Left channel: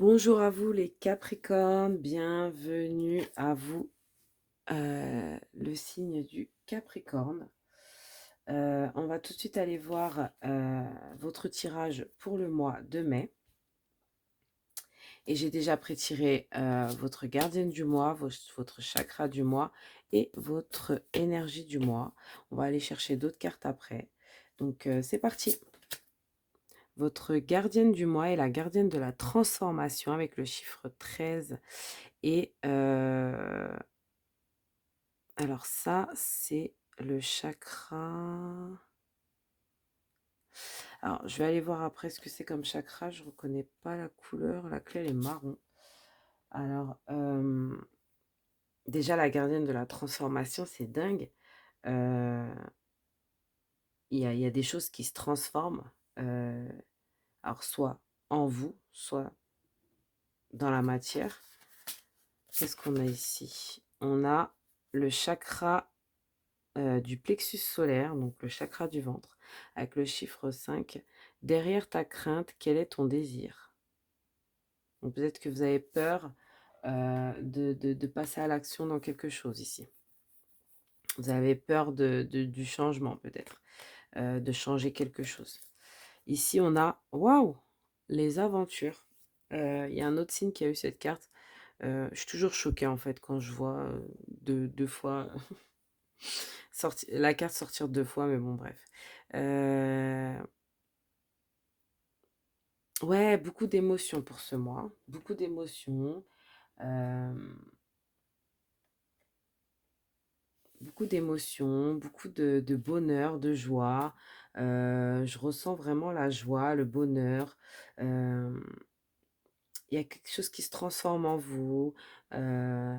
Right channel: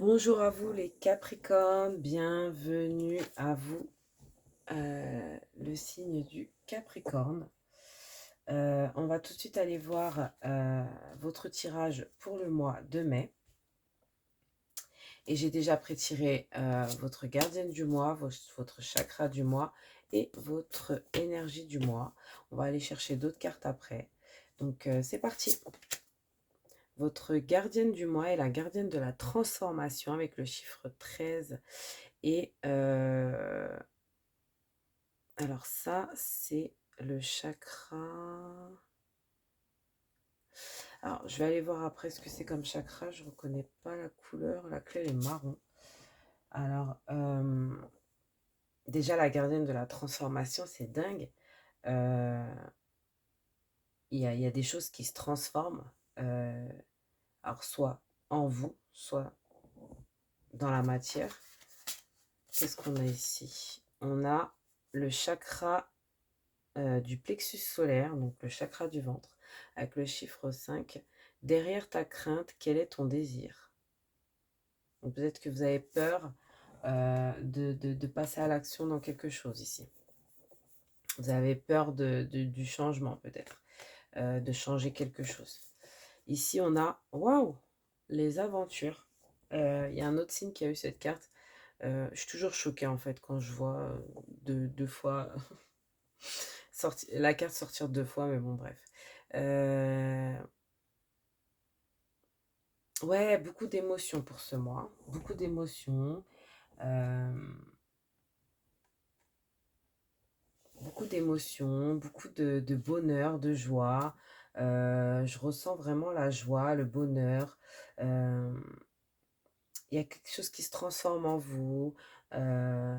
Bonjour à vous les Capricornes, bienvenue à vous, le signe du Capricorne. On va tout de suite aller voir votre tirage pour le mois de mai. Et j'ai déjà prétiré votre gardienne du mois, votre chakra du mois et votre énergie du mois. On va aller chercher d'autres cartes après. Donc c'est parti. Votre gardienne du mois est la gardienne de la transformation avec le chiffre 13. Et alors ça, c'est le chakra. Alors, je vais aller voir après ce que c'est comme chakra. Je reconnais pas la couleur. La clé, elle est marron. Alors, déjà, la gardienne de la transformation, c'est dingue. Il y a des choses qui se transforment. Alors, soit en vous, soit dans la matière. Qu'est-ce qu'on a ici? On a le chakra du plexus solaire, donc le chakra du ventre, avec le chiffre 5. Derrière ta crainte, quel est ton désir? Donc peut-être que vous avez peur de passer à l'action dans quelque chose ici. Vous avez peur du changement peut-être, de changer quelque chose. Ici, on a, waouh, les aventures. Il y a un autre signe qui a eu cette carte. Je suis toujours choquée en fait quand je vois deux fois la carte sortir deux fois, mais bon, bref. Ouais, beaucoup d'émotions pour ce mois. Beaucoup d'émotions. euh, Beaucoup d'émotions, beaucoup de bonheur, de joie. Je ressens vraiment la joie, le bonheur. Euh, Il y a quelque chose qui se transforme en vous. euh,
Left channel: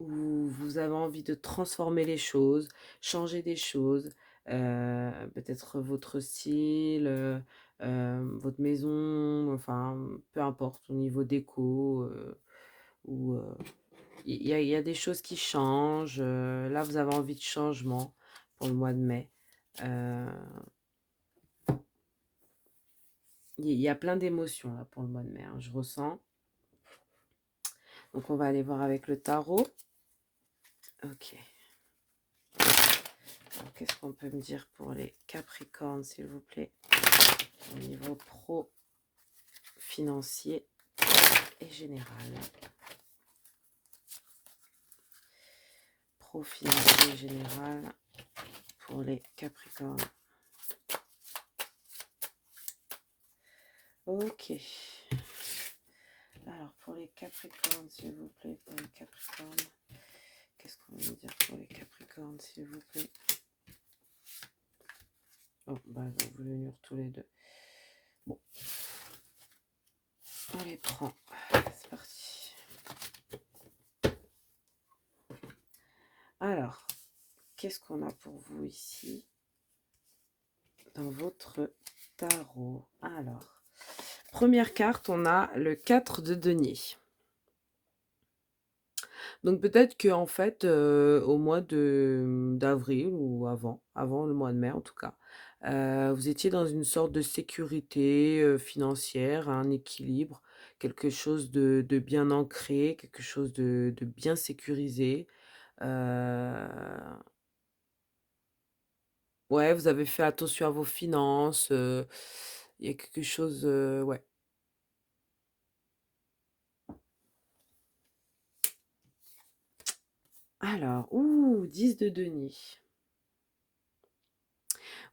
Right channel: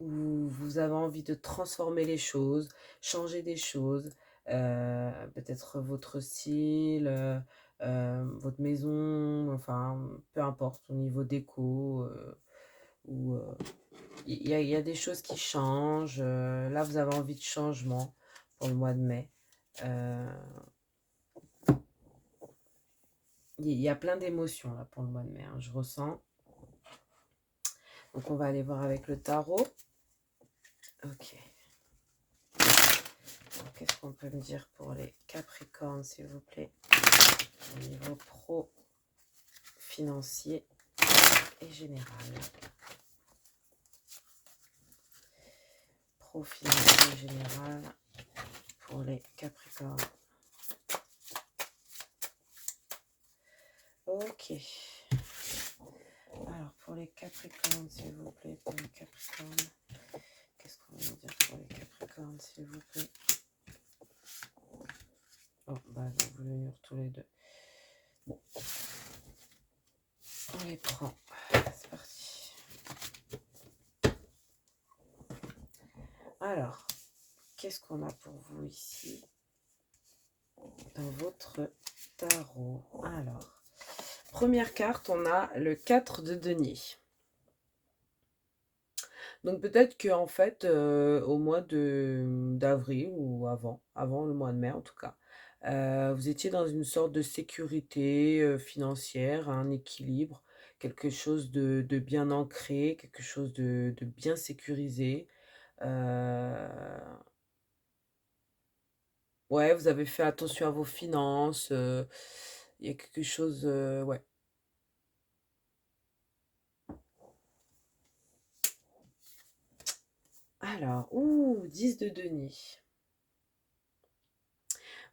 où vous avez envie de transformer les choses, changer des choses, peut-être votre style, votre maison, enfin, peu importe, au niveau déco, ou il y a des choses qui changent. Là, vous avez envie de changement pour le mois de mai. Euh, il y a plein d'émotions là pour le mois de mai, hein, je ressens. Donc, on va aller voir avec le tarot. Ok. Qu'est-ce qu'on peut me dire pour les Capricornes, s'il vous plaît, au niveau pro, financier et général. Pro, financier et général pour les Capricornes. Ok. Alors, pour les Capricornes, s'il vous plaît, pour les Capricornes, qu'est-ce qu'on va me dire pour les Capricornes, s'il vous plaît? Oh, bah, vous voulez venir tous les deux. Bon. On les prend. C'est parti. Alors, qu'est-ce qu'on a pour vous ici dans votre tarot? Alors, première carte, on a le 4 de denier. Donc peut-être que en fait, au mois d'avril ou avant le mois de mai en tout cas, vous étiez dans une sorte de sécurité financière, un équilibre, quelque chose de bien ancré, quelque chose de bien sécurisé. Euh, ouais, vous avez fait attention à vos finances. Il y a quelque chose, ouais. Alors, ouh, 10 de denier.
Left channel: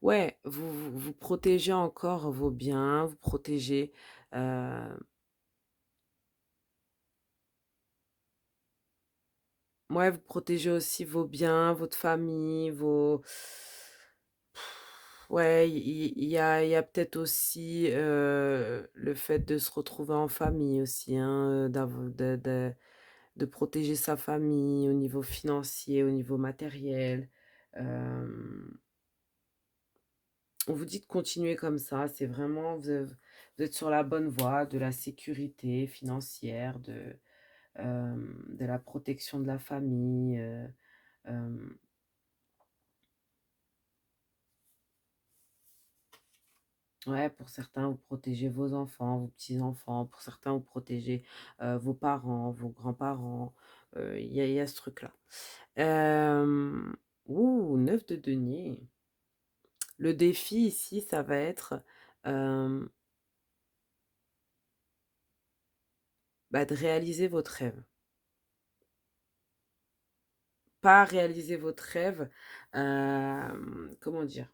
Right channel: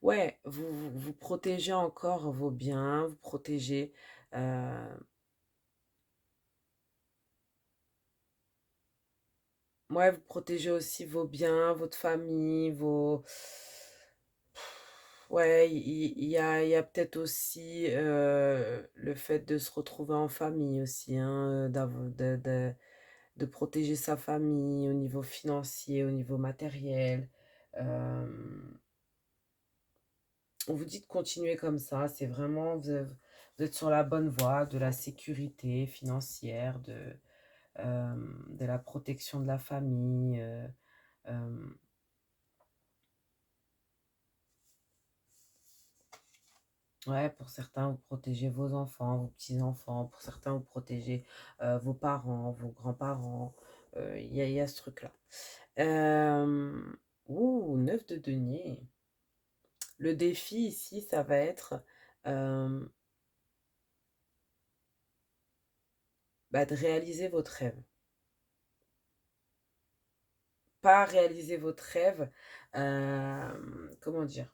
Ouais, vous protégez encore vos biens, vous protégez, euh, ouais, vous protégez aussi vos biens, votre famille, vos... Ouais, il y a peut-être aussi le fait de se retrouver en famille aussi, hein, de protéger sa famille au niveau financier, au niveau matériel. Euh, on vous dit de continuer comme ça, c'est vraiment, vous êtes sur la bonne voie de la sécurité financière, euh, de la protection de la famille. Euh, Ouais, pour certains, vous protégez vos enfants, vos petits-enfants. Pour certains, vous protégez vos parents, vos grands-parents. Il y a ce truc-là. Euh, Ouh, 9 de denier. Le défi ici, ça va être euh, bah, de réaliser votre rêve. Pas réaliser votre rêve, comment dire?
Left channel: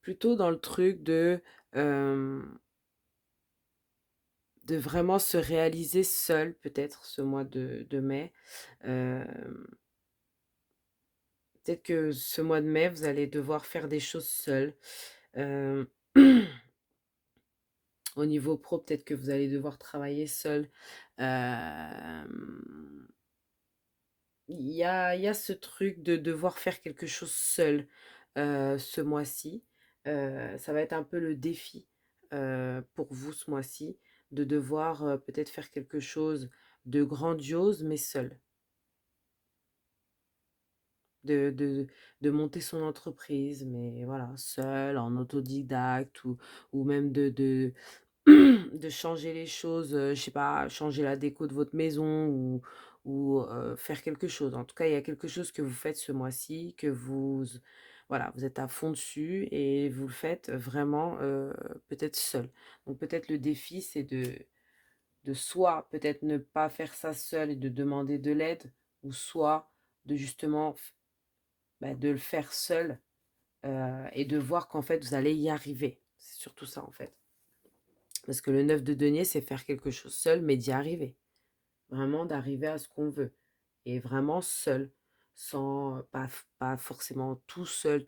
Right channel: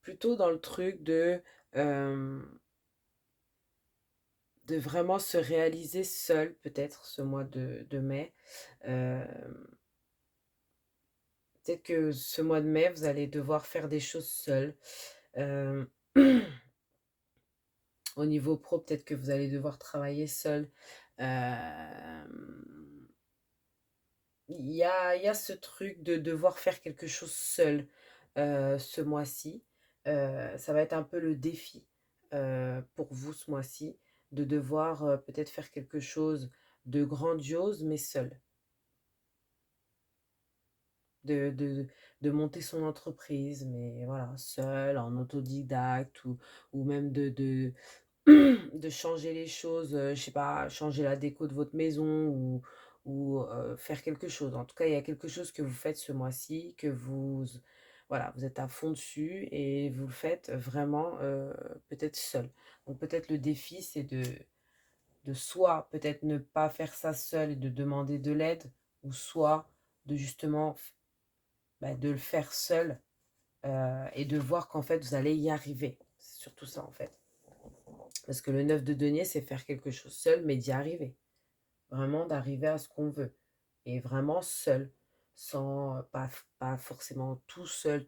Plutôt dans le truc euh, de vraiment se réaliser seul, peut-être, ce mois de mai. Euh, Peut-être que ce mois de mai, vous allez devoir faire des choses seul. Euh, Au niveau pro, peut-être que vous allez devoir travailler seul. Euh, il y a ce truc de devoir faire quelque chose seul ce mois-ci. Ça va être un peu le défi pour vous ce mois-ci, de devoir peut-être faire quelque chose de grandiose, mais seul. De monter son entreprise, mais voilà, seul, en autodidacte, ou même de changer les choses, je sais pas, changer la déco de votre maison ou faire quelque chose. En tout cas, il y a quelque chose que vous faites ce mois-ci, que voilà, vous êtes à fond dessus et vous le faites vraiment peut-être seul. Donc peut-être le défi, c'est de soit peut-être ne pas faire ça seul et de demander de l'aide, ou soit de justement bah, de le faire seul et de voir qu'en fait vous allez y arriver. C'est surtout ça en fait. Parce que le 9 de denier, c'est faire quelque chose seul, mais d'y arriver. Vraiment d'arriver à ce qu'on veut. Et vraiment seul. Sans, pas forcément tout seul,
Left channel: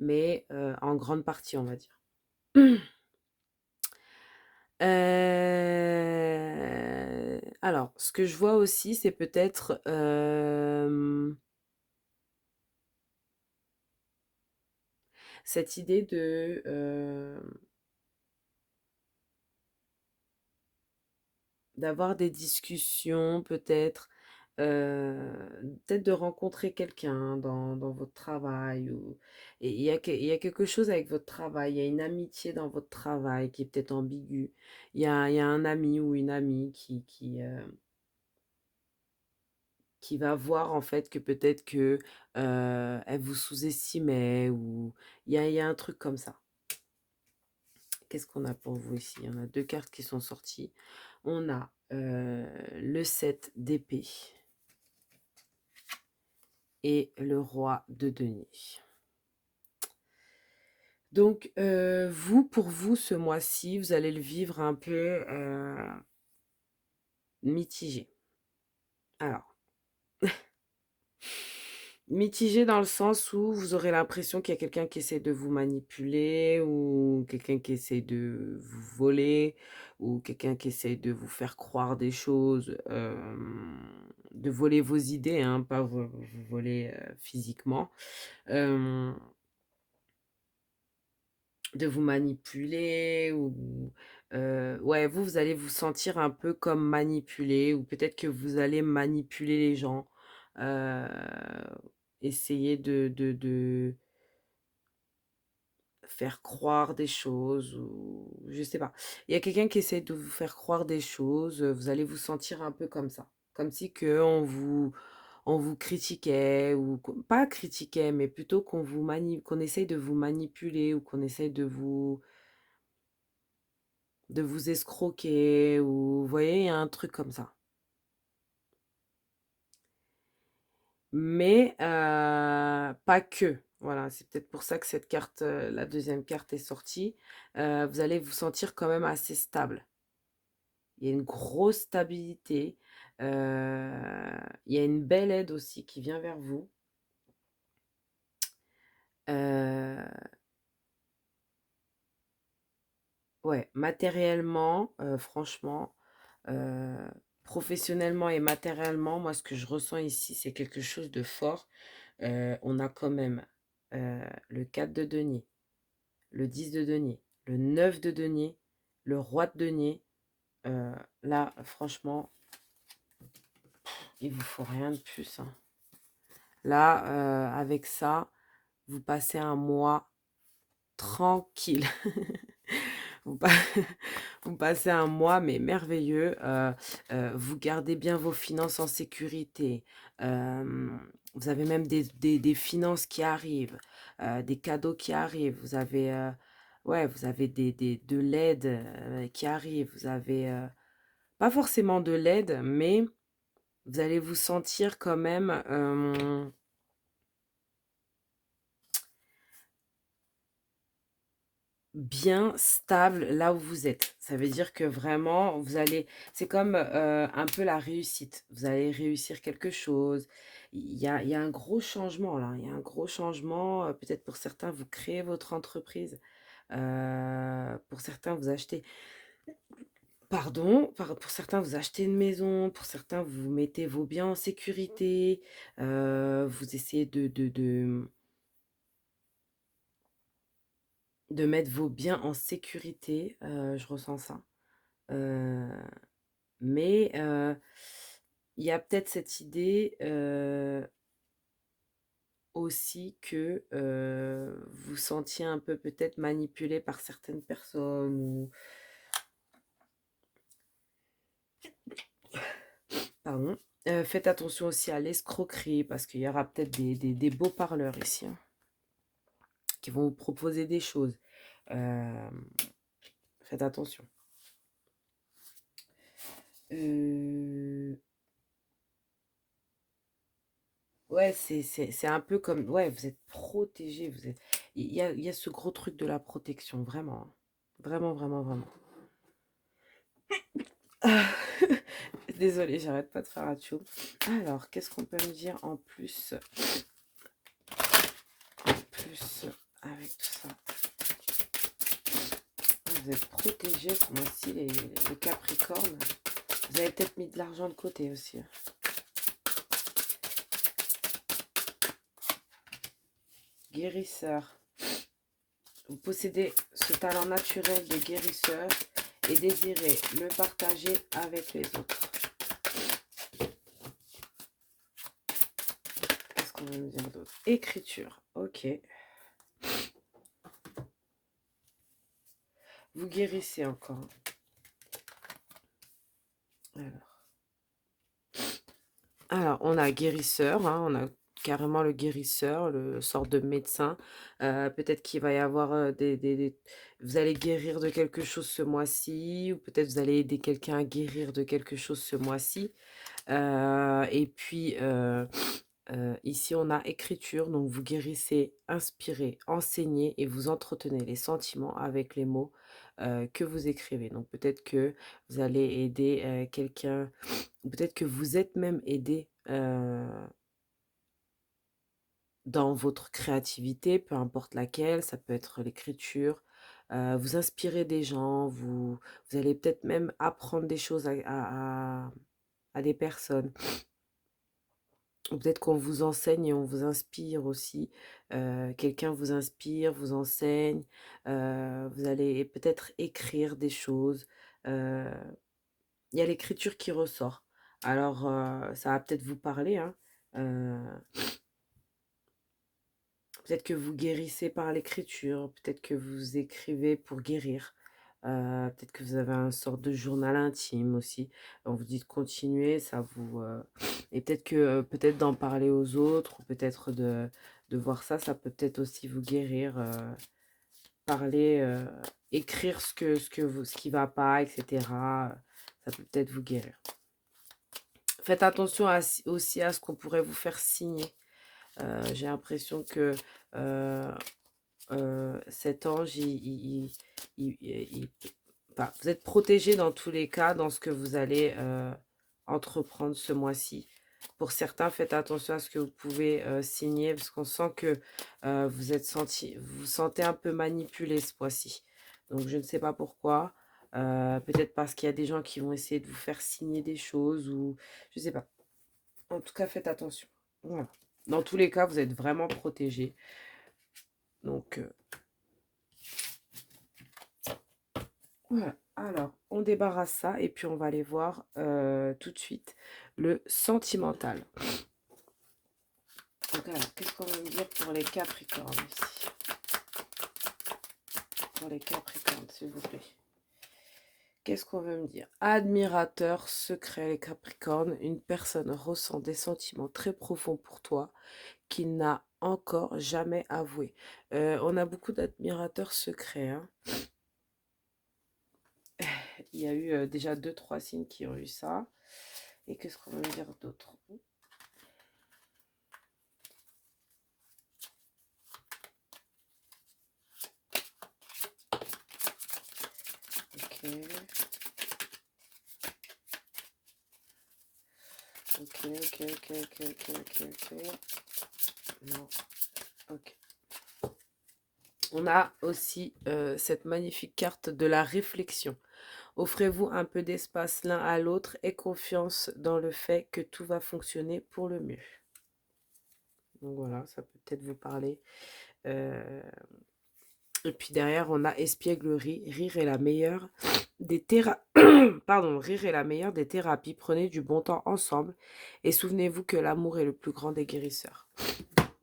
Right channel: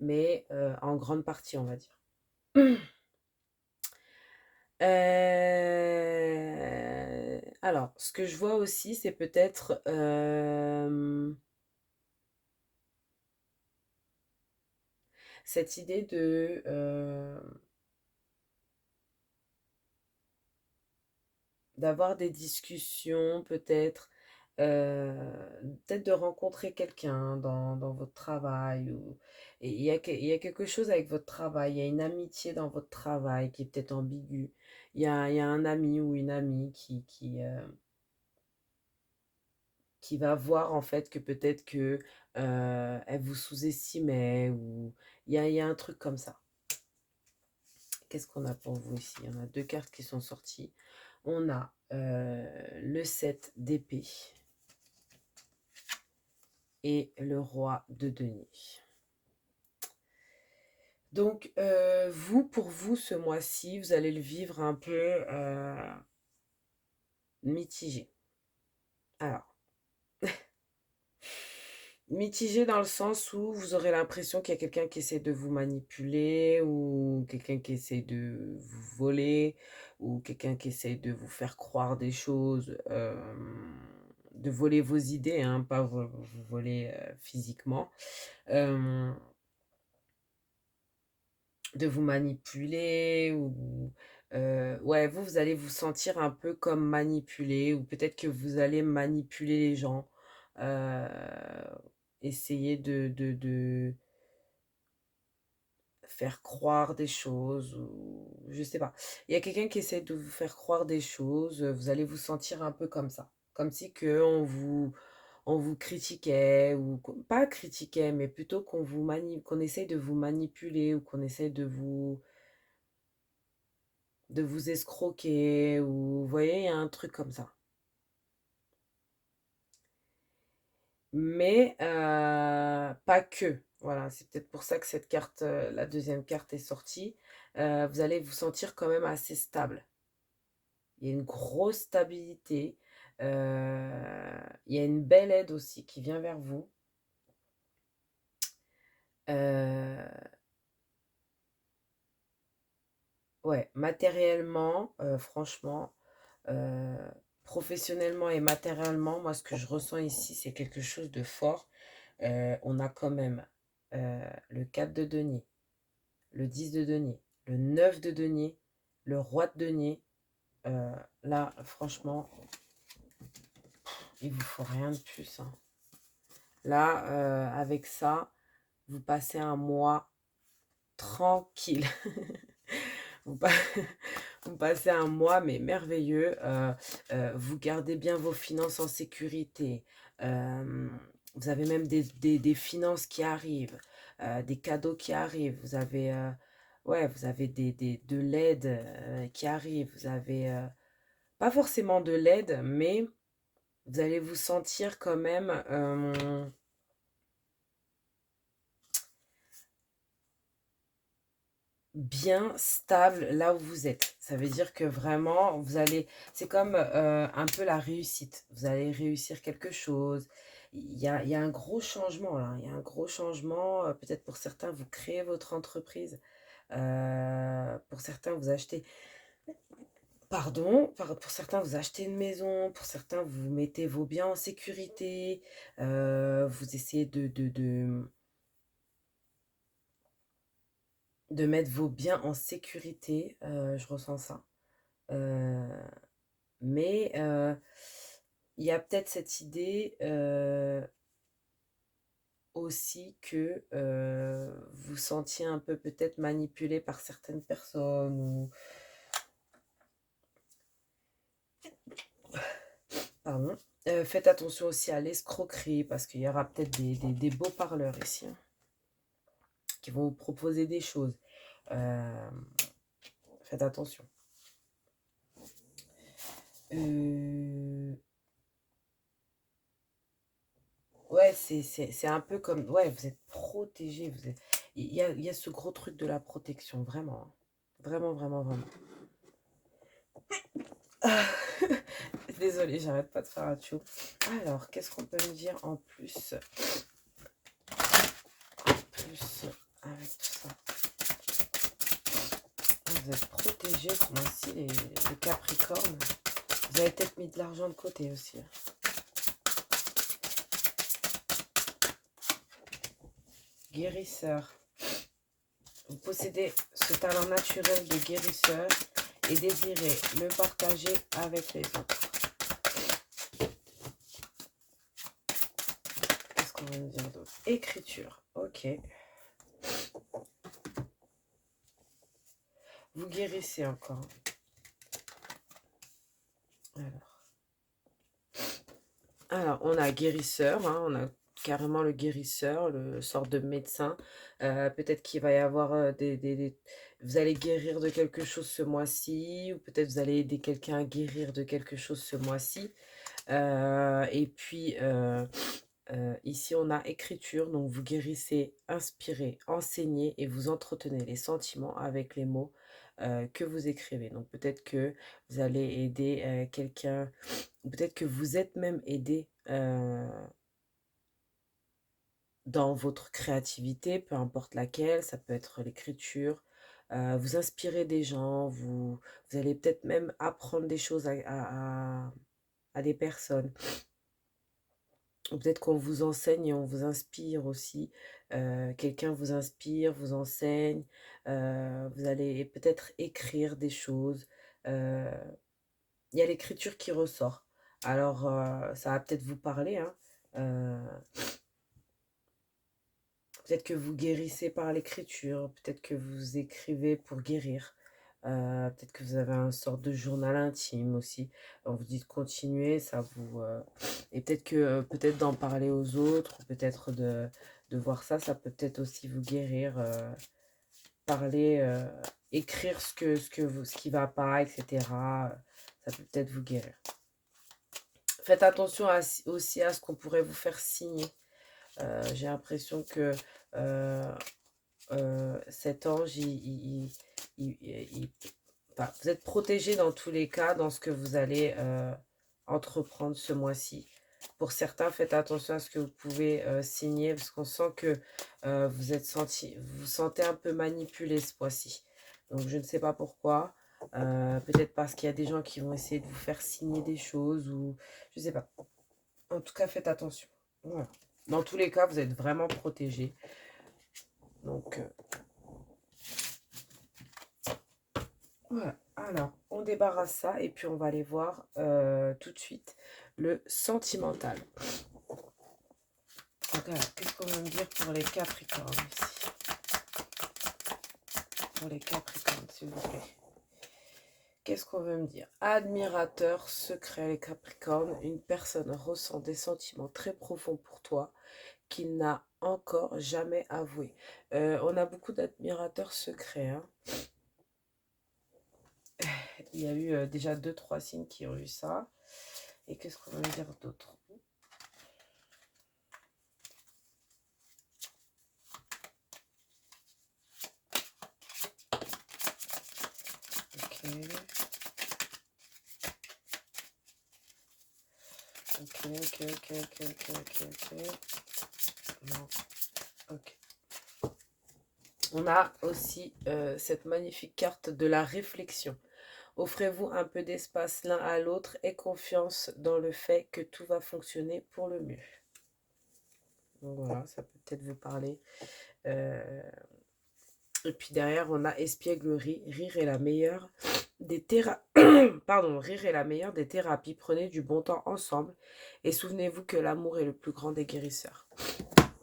mais en grande partie, on va dire. Alors, ce que je vois aussi, c'est peut-être cette idée d'avoir des discussions peut-être, peut-être de rencontrer quelqu'un dans votre travail et il y a quelque chose avec votre travail, il y a une amitié dans votre travail qui est peut-être ambiguë. Il y a un ami ou une amie qui va voir en fait que peut-être que elle vous sous-estimait ou il y a un truc comme ça. Qu'est-ce qu'on a pour vous ici? Il y en a deux cartes qui sont sorties. On a le 7 d'épée et le roi de denier. Donc, pour vous, ce mois-ci, vous allez le vivre un peu mitigé. Alors, mitigé dans le sens où vous aurez l'impression qu'il y a quelqu'un qui essaie de vous manipuler ou quelqu'un qui essaie de vous voler ou quelqu'un qui essaie de vous faire croire des choses, de voler vos idées, hein, pas vous voler physiquement. Euh, de vous manipuler ou ouais, vous allez vous sentir un peu comme manipulé ou peut-être que vous allez manipuler les gens, heu, essayer de faire croire des choses ou je sais pas. Il y a quelqu'un qui essaie de vous faire croire des choses, vous allez vous sentir un peu comme ça, comme si qu'on vous critiquait ou pas critiquait, mais plutôt qu'on essaye de vous manipuler ou qu'on essaie de vous escroquer ou vous voyez, il y a un truc comme ça. Mais pas que. Voilà, c'est peut-être pour ça que cette carte, la deuxième carte est sortie. Vous allez vous sentir quand même assez stable. Il y a une grosse stabilité. Il y a une belle aide aussi qui vient vers vous. Euh, ouais, matériellement, franchement, euh, professionnellement et matériellement, moi, ce que je ressens ici, c'est quelque chose de fort. On a quand même le 4 de denier, le 10 de denier, le 9 de denier, le roi de denier. Là, franchement, il vous faut rien de plus, hein. Là, avec ça, vous passez un mois tranquille. Vous, pa- vous passez un mois, mais merveilleux. Vous gardez bien vos finances en sécurité. Euh, vous avez même des finances qui arrivent, des cadeaux qui arrivent. Vous avez, ouais, vous avez de l'aide qui arrive. Vous avez pas forcément de l'aide, mais vous allez vous sentir quand même bien stable là où vous êtes. Ça veut dire que vraiment, vous allez, c'est comme un peu la réussite. Vous allez réussir quelque chose. Il y a un gros changement là. Il y a un gros changement. Peut-être pour certains, vous créez votre entreprise. Pour certains, vous achetez, pardon, pour certains, vous achetez une maison. Pour certains, vous mettez vos biens en sécurité. Vous essayez de mettre vos biens en sécurité. Je ressens ça. Euh, Mais il y a peut-être cette idée aussi que vous sentiez un peu peut-être manipulé par certaines personnes ou pardon. Faites attention aussi à l'escroquerie parce qu'il y aura peut-être des beaux parleurs ici hein, qui vont vous proposer des choses. Euh, Faites attention. Euh, Ouais, c'est un peu comme... Ouais, vous êtes protégé. Il y a ce gros truc de la protection, vraiment. Hein. Vraiment, vraiment, vraiment. Désolée, j'arrête pas de faire atchou. Alors, qu'est-ce qu'on peut me dire en plus? Plus avec tout ça. Vous êtes protégé, moi aussi, les Capricornes. Vous avez peut-être mis de l'argent de côté aussi. Guérisseur. Vous possédez ce talent naturel de guérisseur et désirez le partager avec les autres. Qu'est-ce qu'on va me dire d'autre? Écriture. Ok. Vous guérissez encore. Alors on a guérisseur, hein, on a carrément le guérisseur, le sort de médecin. Peut-être qu'il va y avoir vous allez guérir de quelque chose ce mois-ci, ou peut-être vous allez aider quelqu'un à guérir de quelque chose ce mois-ci. Et puis ici on a écriture, donc vous guérissez, inspirez, enseignez et vous entretenez les sentiments avec les mots que vous écrivez. Donc peut-être que vous allez aider quelqu'un, peut-être que vous êtes même aidé dans votre créativité, peu importe laquelle, ça peut être l'écriture. Vous inspirez des gens, vous allez peut-être même apprendre des choses à des personnes. Peut-être qu'on vous enseigne et on vous inspire aussi. Quelqu'un vous inspire, vous enseigne. Vous allez peut-être écrire des choses. Euh, Il y a l'écriture qui ressort. Alors, ça va peut-être vous parler. Hein. Euh, Peut-être que vous guérissez par l'écriture. Peut-être que vous écrivez pour guérir. Peut-être que vous avez un sorte de journal intime aussi. On vous dit de continuer, ça vous... Et peut-être que peut-être d'en parler aux autres, ou peut-être de voir ça, ça peut peut-être aussi vous guérir. Parler, écrire ce qui va pas, etc. Ça peut peut-être vous guérir. Faites attention aussi à ce qu'on pourrait vous faire signer. J'ai l'impression que cet ange, enfin, vous êtes protégé dans tous les cas, dans ce que vous allez entreprendre ce mois-ci. Pour certains, faites attention à ce que vous pouvez signer, parce qu'on sent que vous vous sentez un peu manipulé ce mois-ci. Donc, je ne sais pas pourquoi. Peut-être parce qu'il y a des gens qui vont essayer de vous faire signer des choses, ou je ne sais pas. En tout cas, faites attention. Voilà. Dans tous les cas, vous êtes vraiment protégé. Donc, voilà. Alors, on débarrasse ça et puis on va aller voir tout de suite le sentimental. Donc, alors, qu'est-ce qu'on va me dire pour les Capricornes ici? pour les Capricornes, s'il vous plaît. Qu'est-ce qu'on veut me dire? Admirateur secret, les Capricornes. Une personne ressent des sentiments très profonds pour toi qu'il n'a encore jamais avoué. On a beaucoup d'admirateurs secrets, hein. Il y a eu déjà 2-3 signes qui ont eu ça. Et qu'est-ce qu'on veut me dire d'autre? Ok. Ok. Non. Ok. On a aussi cette magnifique carte de la réflexion. Offrez-vous un peu d'espace l'un à l'autre et confiance dans le fait que tout va fonctionner pour le mieux. Donc voilà, ça peut peut-être vous parler. Et puis derrière, on a espièglerie. Rire est la meilleure des Rire est la meilleure des thérapies. Prenez du bon temps ensemble et souvenez-vous que l'amour est le plus grand des guérisseurs.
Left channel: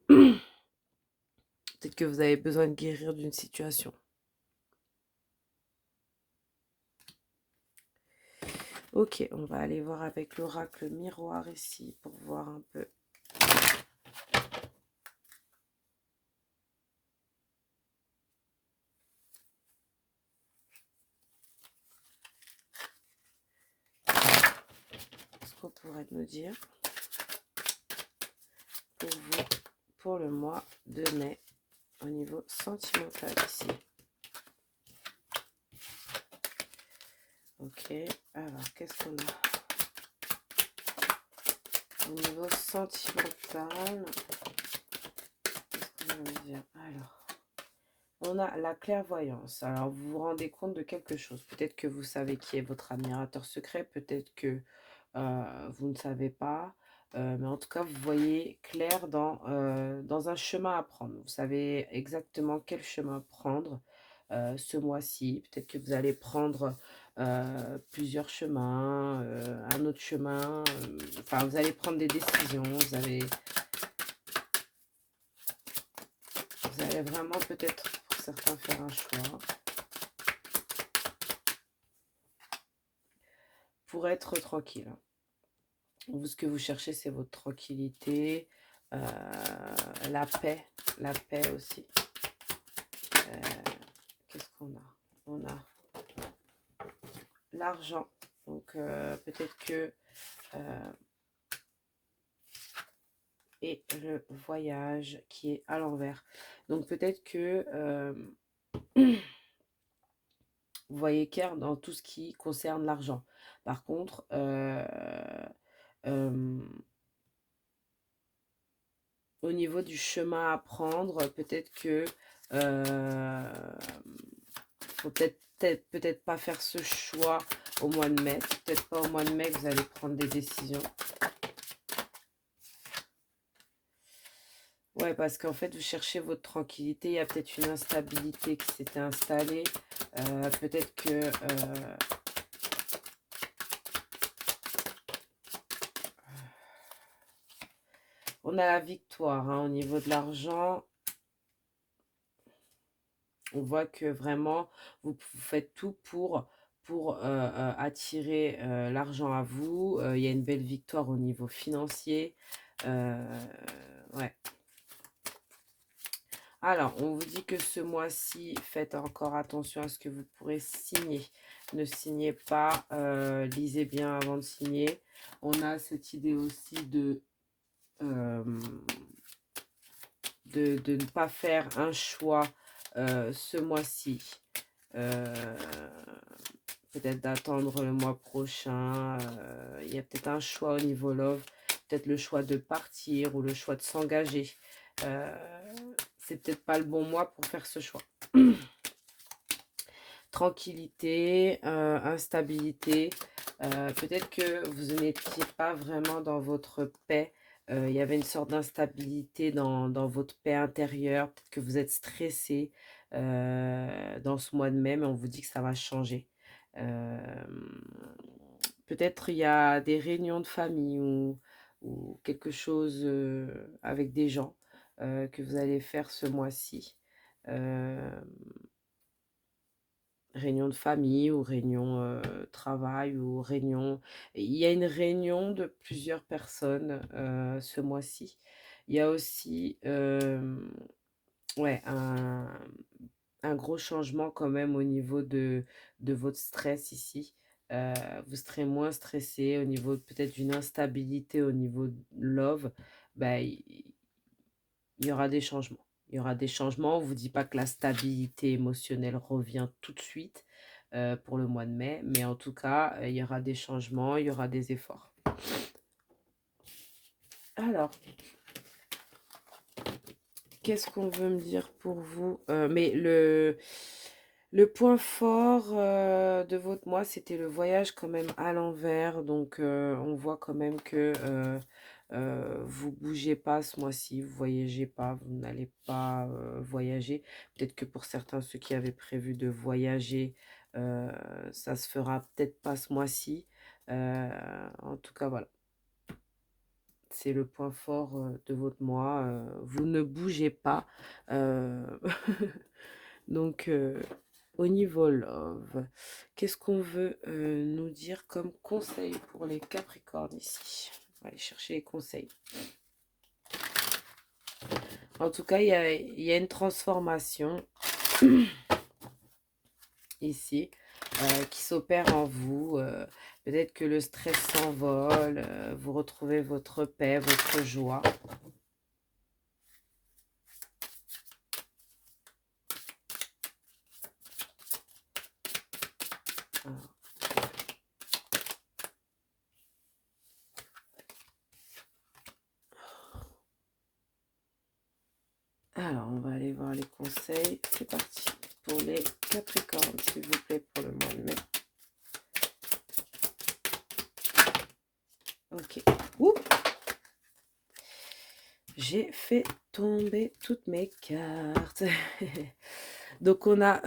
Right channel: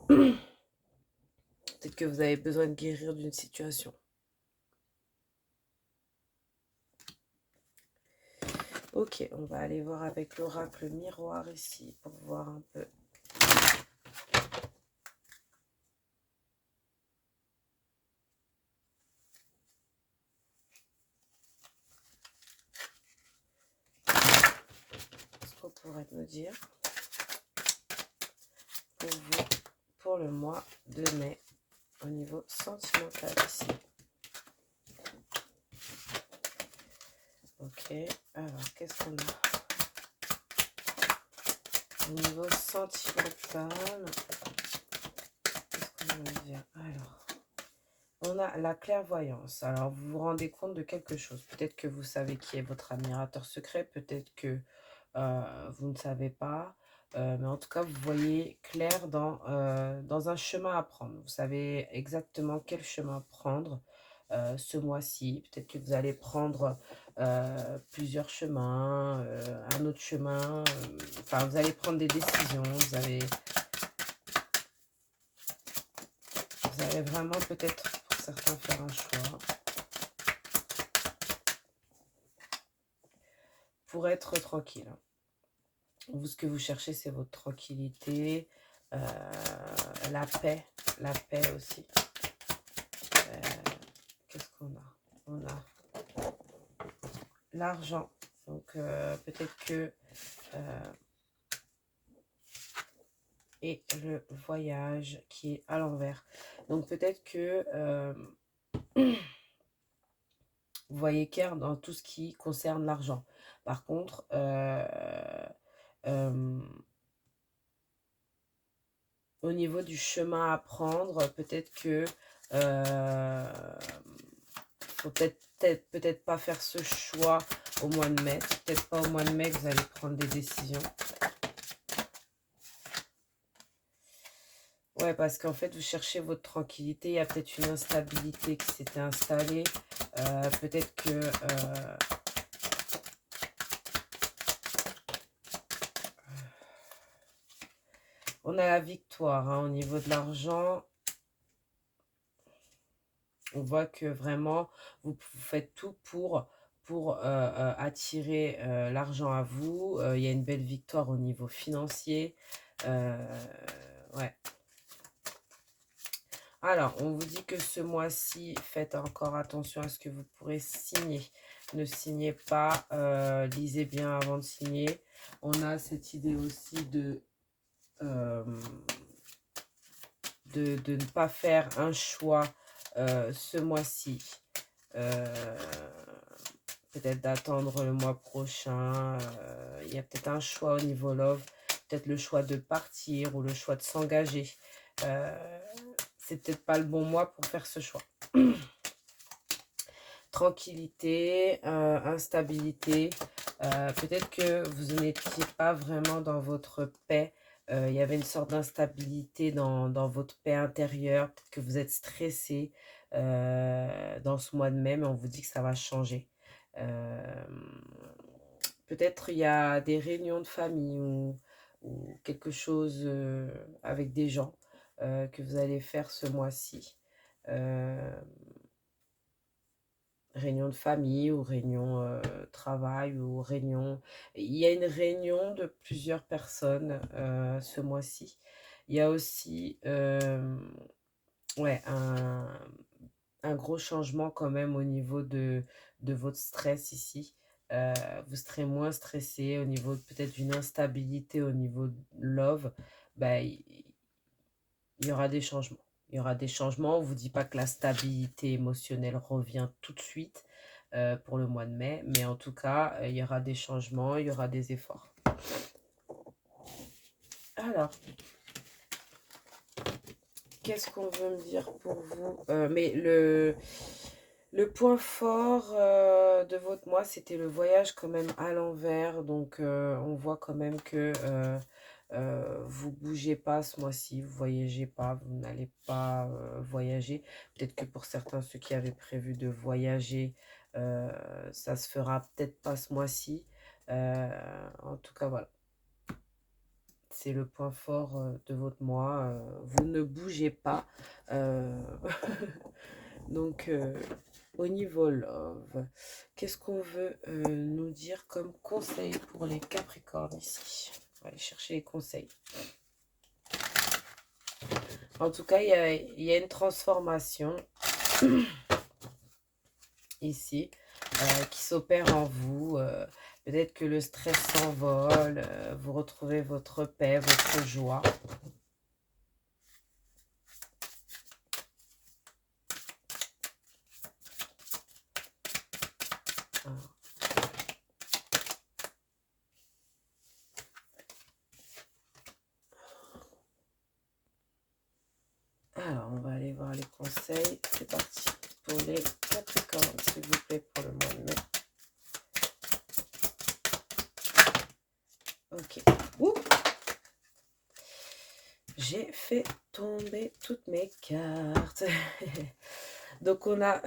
Peut-être que vous avez besoin de guérir d'une situation. Ok, on va aller voir avec l'oracle miroir ici pour voir un peu. Ce qu'on pourrait nous dire pour vous, pour le mois de mai, au niveau sentimental ici. Ok, alors qu'est-ce qu'on a au niveau sentimental? Qu'est-ce qu'on veut dire? Alors, on a la clairvoyance. Alors, vous vous rendez compte de quelque chose. Peut-être que vous savez qui est votre admirateur secret. Peut-être que vous ne savez pas. Mais en tout cas, vous voyez clair dans un chemin à prendre. Vous savez exactement quel chemin prendre ce mois-ci. Peut-être que vous allez prendre plusieurs chemins, un autre chemin. Enfin, vous allez prendre des décisions. Vous allez vraiment peut-être pour certains faire un choix. Pour être tranquille. Vous, ce que vous cherchez, c'est votre tranquillité, la paix aussi. Qu'est-ce qu'on a? On a l'argent. Donc, peut-être que... et le voyage qui est à l'envers. Donc, peut-être que... vous voyez clair dans tout ce qui concerne l'argent. Par contre, au niveau du chemin à prendre, peut-être que faut peut-être pas faire ce choix au mois de mai. Peut-être pas au mois de mai que vous allez prendre des décisions. Ouais, parce qu'en fait, vous cherchez votre tranquillité. Il y a peut-être une instabilité qui s'était installée. Peut-être que... on a la victoire hein, au niveau de l'argent. On voit que vraiment, vous faites tout pour attirer l'argent à vous. Il y a une belle victoire au niveau financier. Ouais. Alors, on vous dit que ce mois-ci, faites encore attention à ce que vous pourrez signer. Ne signez pas, lisez bien avant de signer. On a cette idée aussi de ne pas faire un choix ce mois-ci. Peut-être d'attendre le mois prochain. Il y a peut-être un choix au niveau love. Peut-être le choix de partir ou le choix de s'engager. C'est peut-être pas le bon mois pour faire ce choix. Tranquillité, instabilité. Peut-être que vous n'étiez pas vraiment dans votre paix. Il y avait une sorte d'instabilité dans votre paix intérieure. Peut-être que vous êtes stressé dans ce mois de mai, mais on vous dit que ça va changer. Peut-être il y a des réunions de famille ou quelque chose avec des gens que vous allez faire ce mois-ci. réunion de famille ou réunion travail ou réunion. Il y a une réunion de plusieurs personnes ce mois-ci. Il y a aussi ouais, un gros changement quand même au niveau de votre stress ici. Euh, Vous serez moins stressé au niveau peut-être d'une instabilité au niveau de love. Bah, il y aura des changements. Il y aura des changements. On ne vous dit pas que la stabilité émotionnelle revient tout de suite pour le mois de mai, mais en tout cas, il y aura des changements, il y aura des efforts. Alors, qu'est-ce qu'on veut me dire pour vous? Mais le point fort de votre mois, c'était le voyage quand même à l'envers. Donc, on voit quand même que vous bougez pas ce mois-ci, vous voyagez pas, vous n'allez pas voyager. Peut-être que pour certains, ceux qui avaient prévu de voyager, euh, ça se fera peut-être pas ce mois-ci. En tout cas, voilà. C'est le point fort de votre mois. Vous ne bougez pas. Euh, Donc, au niveau love, qu'est-ce qu'on veut nous dire comme conseil pour les Capricornes ici? On va aller chercher les conseils. En tout cas, il y a une transformation ici qui s'opère en vous. Peut-être que le stress s'envole, vous retrouvez votre paix, votre joie. Alors, on va aller voir les conseils. C'est parti pour les Capricornes, s'il vous plaît, pour le mois de mai. Ok. Ouh, j'ai fait tomber toutes mes cartes. Donc, on a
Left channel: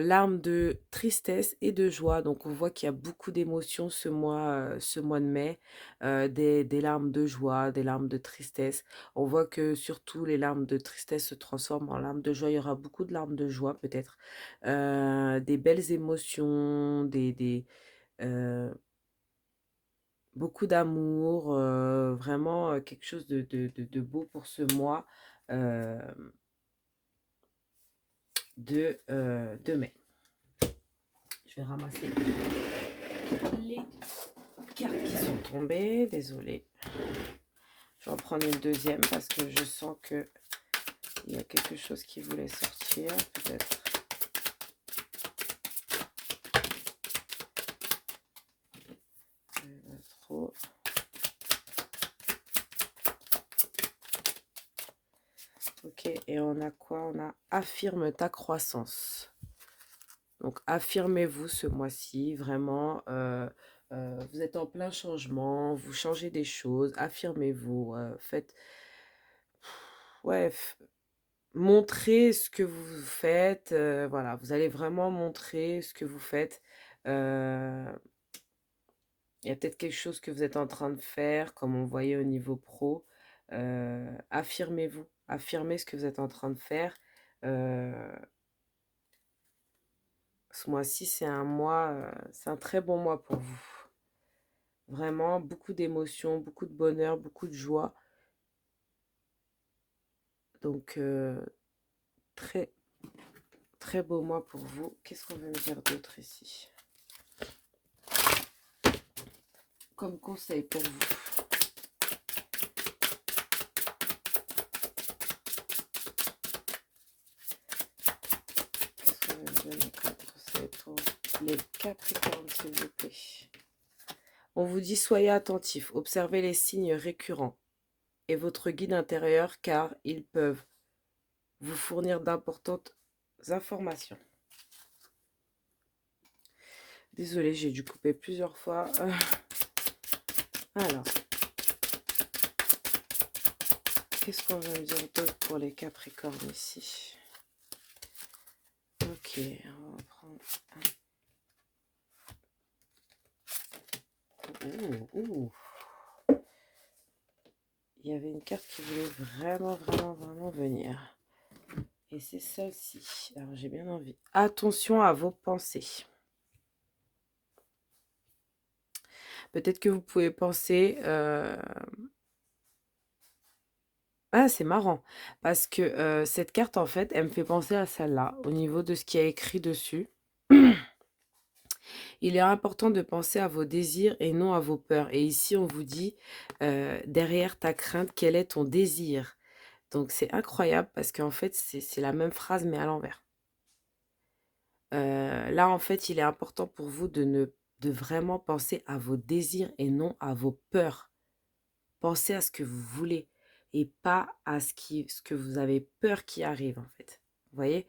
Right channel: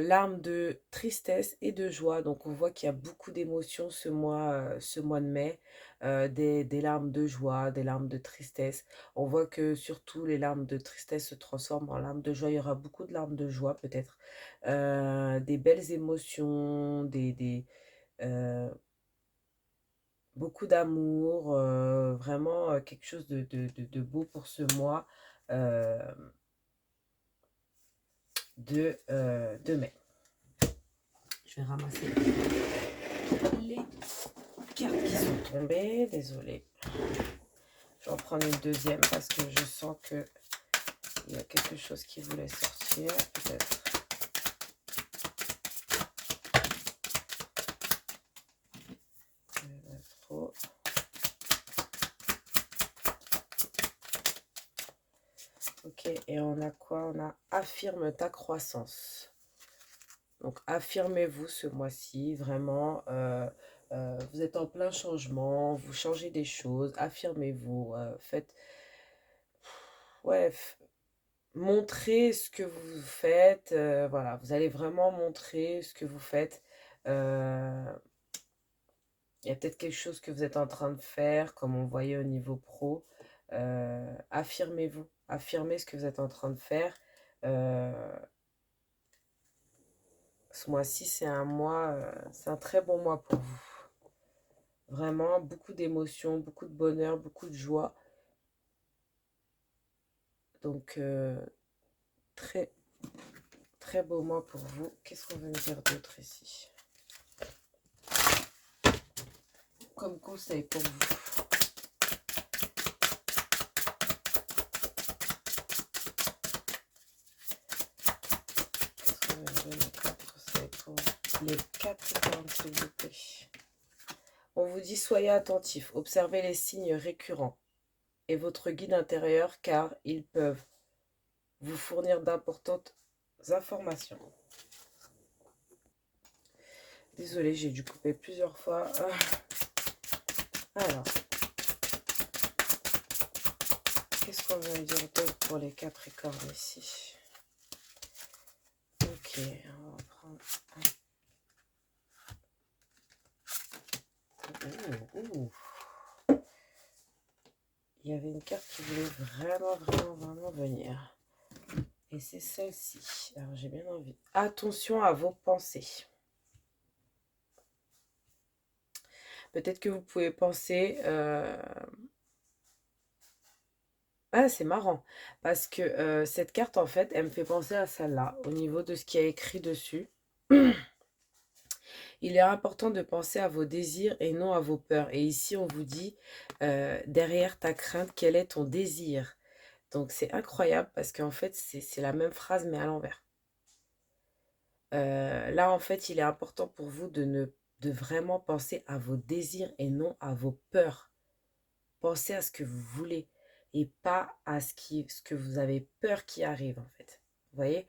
l'arme de tristesse et de joie. Donc, on voit qu'il y a beaucoup d'émotions ce mois de mai. Des larmes de joie, des larmes de tristesse. On voit que surtout les larmes de tristesse se transforment en larmes de joie. Il y aura beaucoup de larmes de joie, peut-être. Des belles émotions, euh, beaucoup d'amour. Vraiment quelque chose de beau pour ce mois euh, de mai. Je vais ramasser les cartes qui sont tombées. Désolée. Je vais en prendre une deuxième parce que je sens que il y a quelque chose qui voulait sortir. Peut-être. Trop. Ok, et on a quoi? On a affirme ta croissance. Donc, affirmez-vous ce mois-ci, vraiment. Vous êtes en plein changement, vous changez des choses, affirmez-vous. Faites, ouais, montrez ce que vous faites. Voilà, vous allez vraiment montrer ce que vous faites. Euh, Il y a peut-être quelque chose que vous êtes en train de faire, comme on voyait au niveau pro. Affirmez-vous, affirmez ce que vous êtes en train de faire. Euh, Ce mois-ci, c'est un très bon mois pour vous. Vraiment, beaucoup d'émotions, beaucoup de bonheur, beaucoup de joie. Donc, très, très beau mois pour vous. Qu'est-ce qu'on veut me dire d'autre ici? Comme conseil pour vous. Qu'est-ce qu'on veut me donner comme conseil pour les Capricornes, s'il vous plaît? On vous dit soyez attentifs, observez les signes récurrents et votre guide intérieur car ils peuvent vous fournir d'importantes informations. Désolée, j'ai dû couper plusieurs fois. Alors, qu'est-ce qu'on veut me dire d'autre pour les Capricornes ici? Ok, on va prendre un. Ouh. Il y avait une carte qui voulait vraiment venir. Et c'est celle-ci. Alors, j'ai bien envie. Attention à vos pensées. Peut-être que vous pouvez penser... Ah, c'est marrant. Parce que cette carte, en fait, elle me fait penser à celle-là, au niveau de ce qui est écrit dessus. Il est important de penser à vos désirs et non à vos peurs. Et ici, on vous dit, derrière ta crainte, quel est ton désir? Donc, c'est incroyable parce qu'en fait, c'est la même phrase, mais à l'envers. Là, en fait, il est important pour vous de vraiment penser à vos désirs et non à vos peurs. Pensez à ce que vous voulez et pas à ce que vous avez peur qui arrive, en fait. Vous voyez?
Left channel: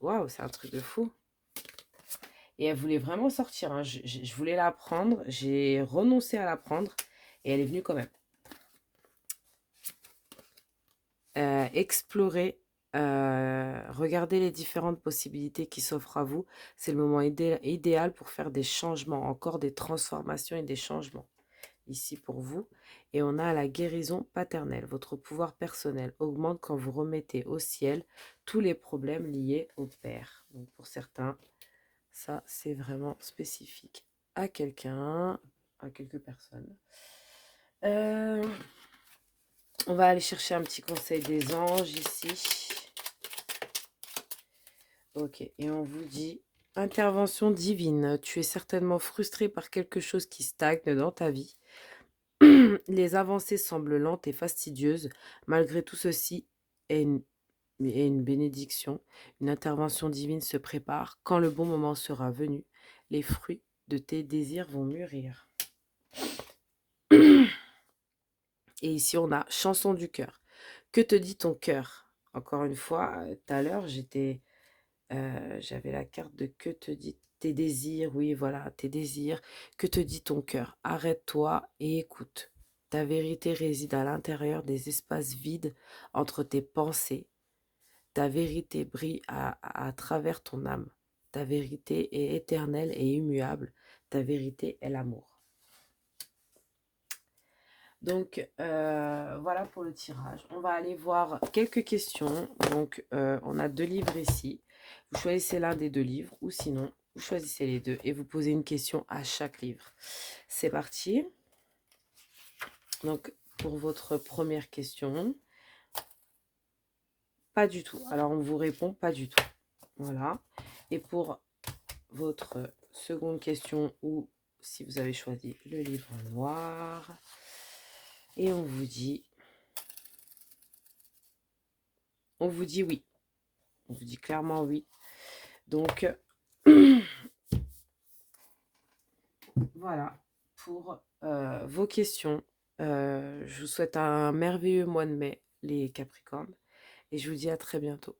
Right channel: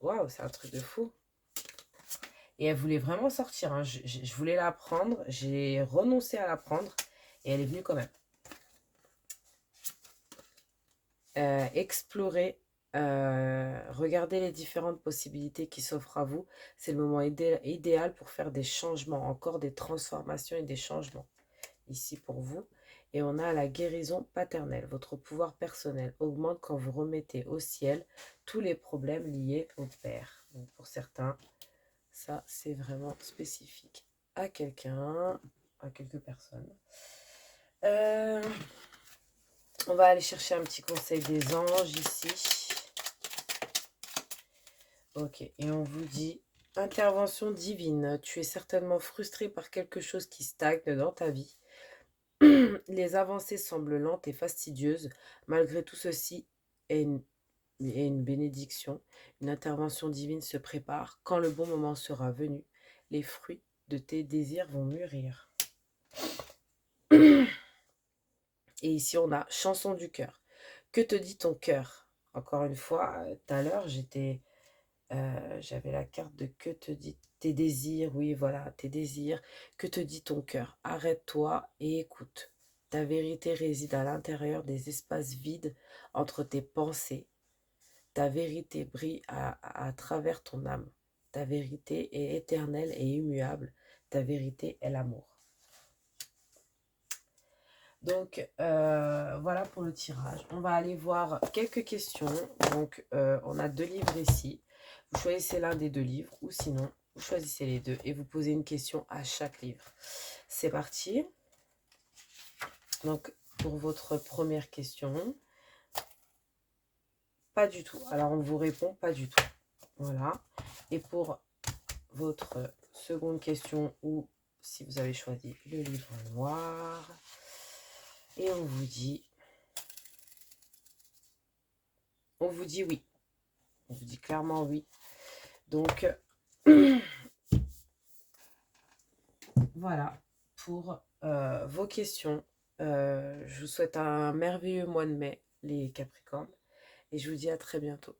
Waouh, c'est un truc de fou. Et elle voulait vraiment sortir, hein. Je voulais la prendre, j'ai renoncé à la prendre et elle est venue quand même. Explorer, regarder les différentes possibilités qui s'offrent à vous. C'est le moment idéal pour faire des changements, encore des transformations et des changements ici pour vous. Et on a la guérison paternelle. Votre pouvoir personnel augmente quand vous remettez au ciel tous les problèmes liés au père. Donc pour certains, ça c'est vraiment spécifique à quelqu'un, à quelques personnes. Euh, on va aller chercher un petit conseil des anges ici. Ok, et on vous dit, intervention divine, tu es certainement frustré par quelque chose qui stagne dans ta vie. Les avancées semblent lentes et fastidieuses. Malgré tout ceci est une bénédiction. Une intervention divine se prépare. Quand le bon moment sera venu, les fruits de tes désirs vont mûrir. Et ici, on a chanson du cœur. Que te dit ton cœur? Encore une fois, tout à l'heure, j'avais la carte de que te dit tes désirs. Oui, voilà, tes désirs. Que te dit ton cœur? Arrête-toi et écoute. Ta vérité réside à l'intérieur des espaces vides entre tes pensées. Ta vérité brille à travers ton âme. Ta vérité est éternelle et immuable. Ta vérité est l'amour. Donc, voilà pour le tirage. On va aller voir quelques questions. Donc, on a 2 livres ici. Vous choisissez l'un des 2 livres ou sinon, vous choisissez les deux et vous posez une question à chaque livre. C'est parti. Donc, pour votre première question, pas du tout. Alors, on vous répond pas du tout. Voilà. Et pour votre seconde question ou si vous avez choisi le livre noir, et on vous dit oui. On vous dit clairement oui. Donc, voilà pour vos questions. Je vous souhaite un merveilleux mois de mai, les Capricornes, et je vous dis à très bientôt.